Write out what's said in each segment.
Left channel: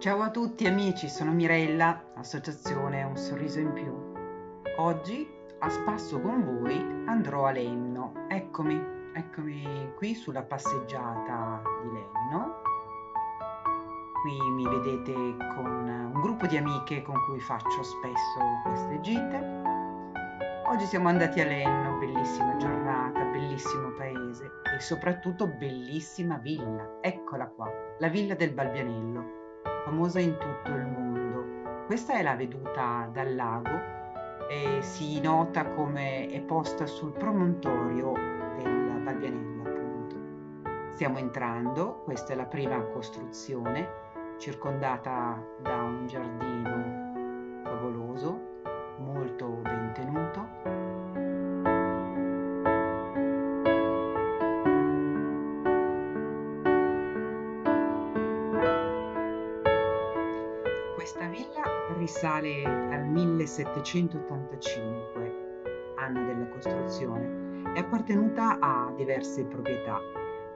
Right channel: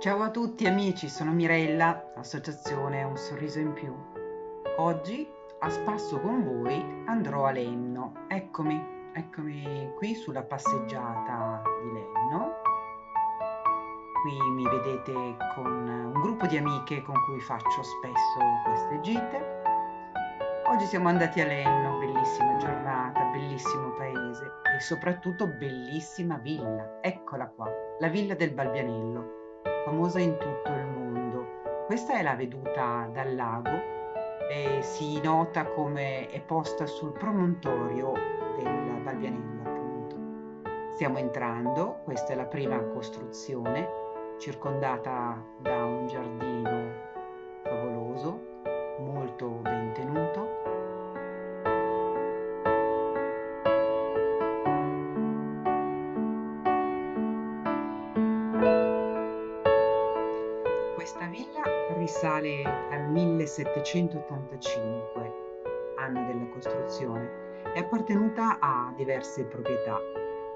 Ciao a tutti amici, sono Mirella, associazione Un Sorriso in Più. Oggi a spasso con voi andrò a Lenno. Eccomi qui sulla passeggiata di Lenno. Qui mi vedete con un gruppo di amiche con cui faccio spesso queste gite. Oggi siamo andati a Lenno, bellissima giornata, bellissimo paese e soprattutto bellissima villa. Eccola qua, la villa del Balbianello, famosa in tutto il mondo. Questa è la veduta dal lago e si nota come è posta sul promontorio del Balbianello, appunto. Stiamo entrando, questa è la prima costruzione, circondata da un giardino favoloso, molto ben tenuto. Questa villa risale al 1785, anno della costruzione, è appartenuta a diverse proprietà.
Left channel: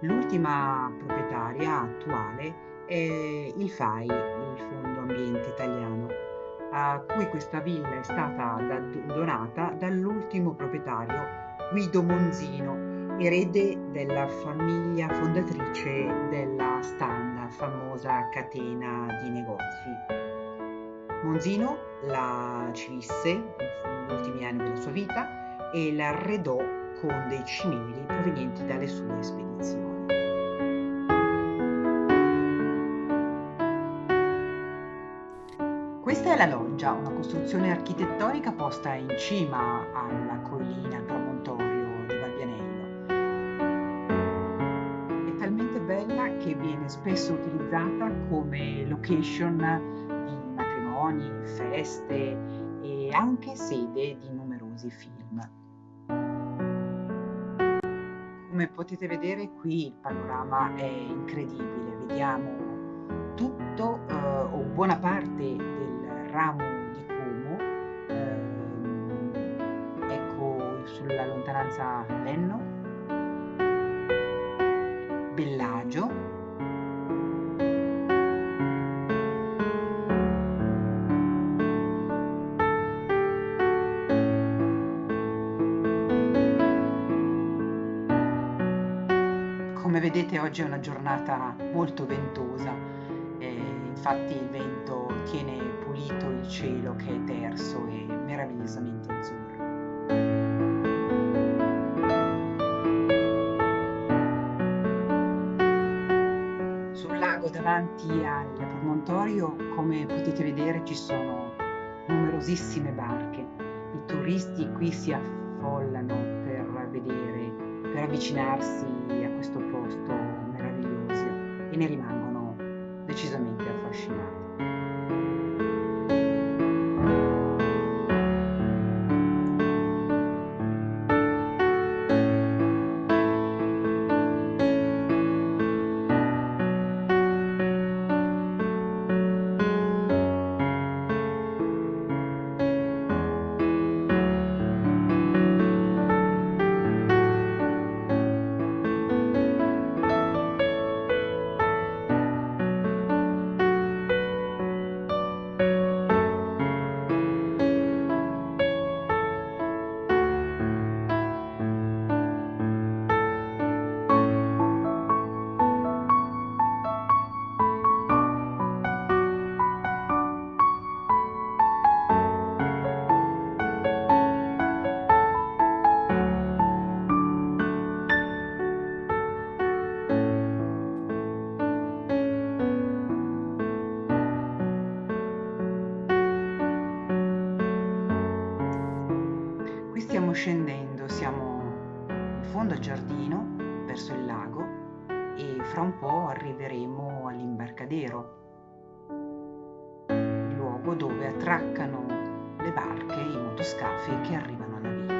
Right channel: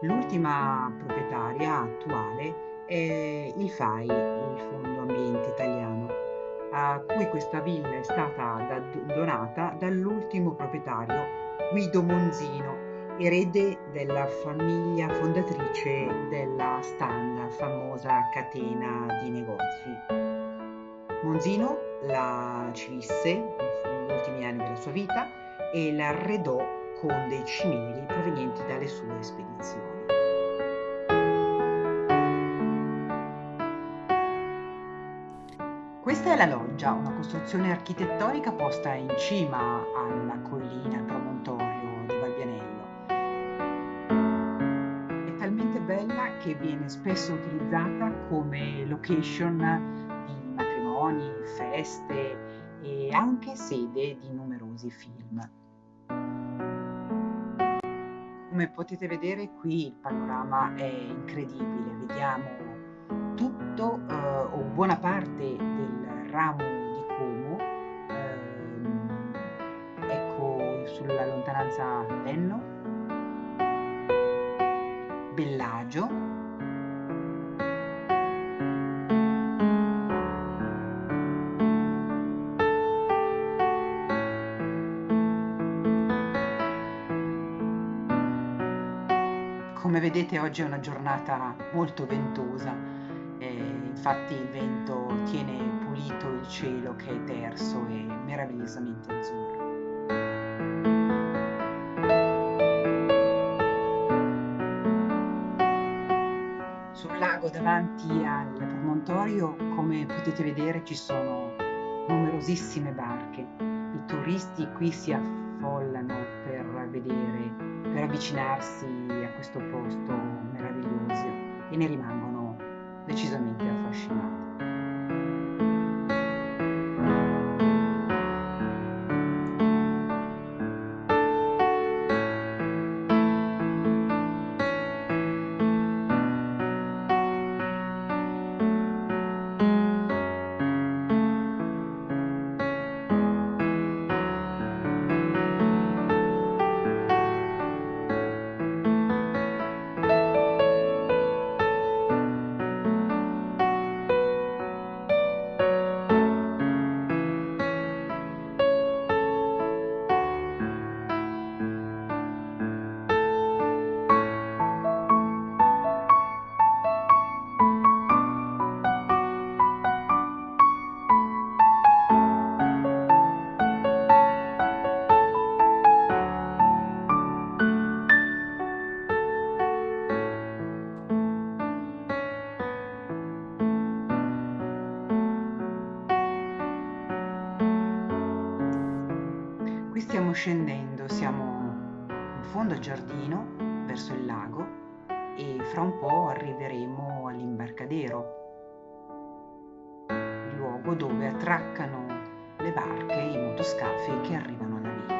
L'ultima proprietaria attuale è il FAI, il Fondo Ambiente Italiano, a cui questa villa è stata donata dall'ultimo proprietario Guido Monzino, erede della famiglia fondatrice della Standa, famosa catena di negozi. Monzino la civisse negli ultimi anni della sua vita e la arredò con dei cimeli provenienti dalle sue spedizioni. Questa è la loggia, una costruzione architettonica posta in cima alla collina, al promontorio di Balbianello. È talmente bella che viene spesso utilizzata come location di matrimoni, feste e anche sede di numerosi film. Come potete vedere qui il panorama è incredibile, vediamo tutto o buona parte del ramo di Como, ecco sulla lontananza Lenno, Bellagio, come vedete oggi è una giornata molto ventosa, infatti il vento tiene pulito il cielo che è terso e meravigliosamente azzurro. Sul lago davanti al promontorio, come potete vedere, ci sono numerosissime barche. I turisti qui si affollano per vedere, per avvicinarsi a questo posto meraviglioso e ne rimangono decisamente affascinati. Qui stiamo scendendo, siamo in fondo al giardino, verso il lago, e fra un po' arriveremo all'imbarcadero, il luogo dove attraccano le barche, i motoscafi che arrivano alla villa.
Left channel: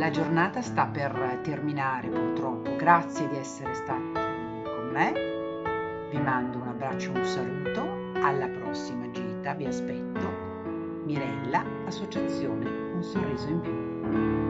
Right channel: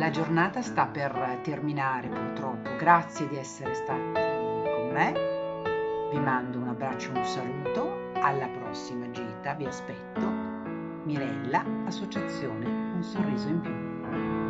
La giornata sta per terminare purtroppo, grazie di essere stati con me, vi mando un abbraccio e un saluto, alla prossima gita, vi aspetto. Mirella, Associazione Un Sorriso in Più.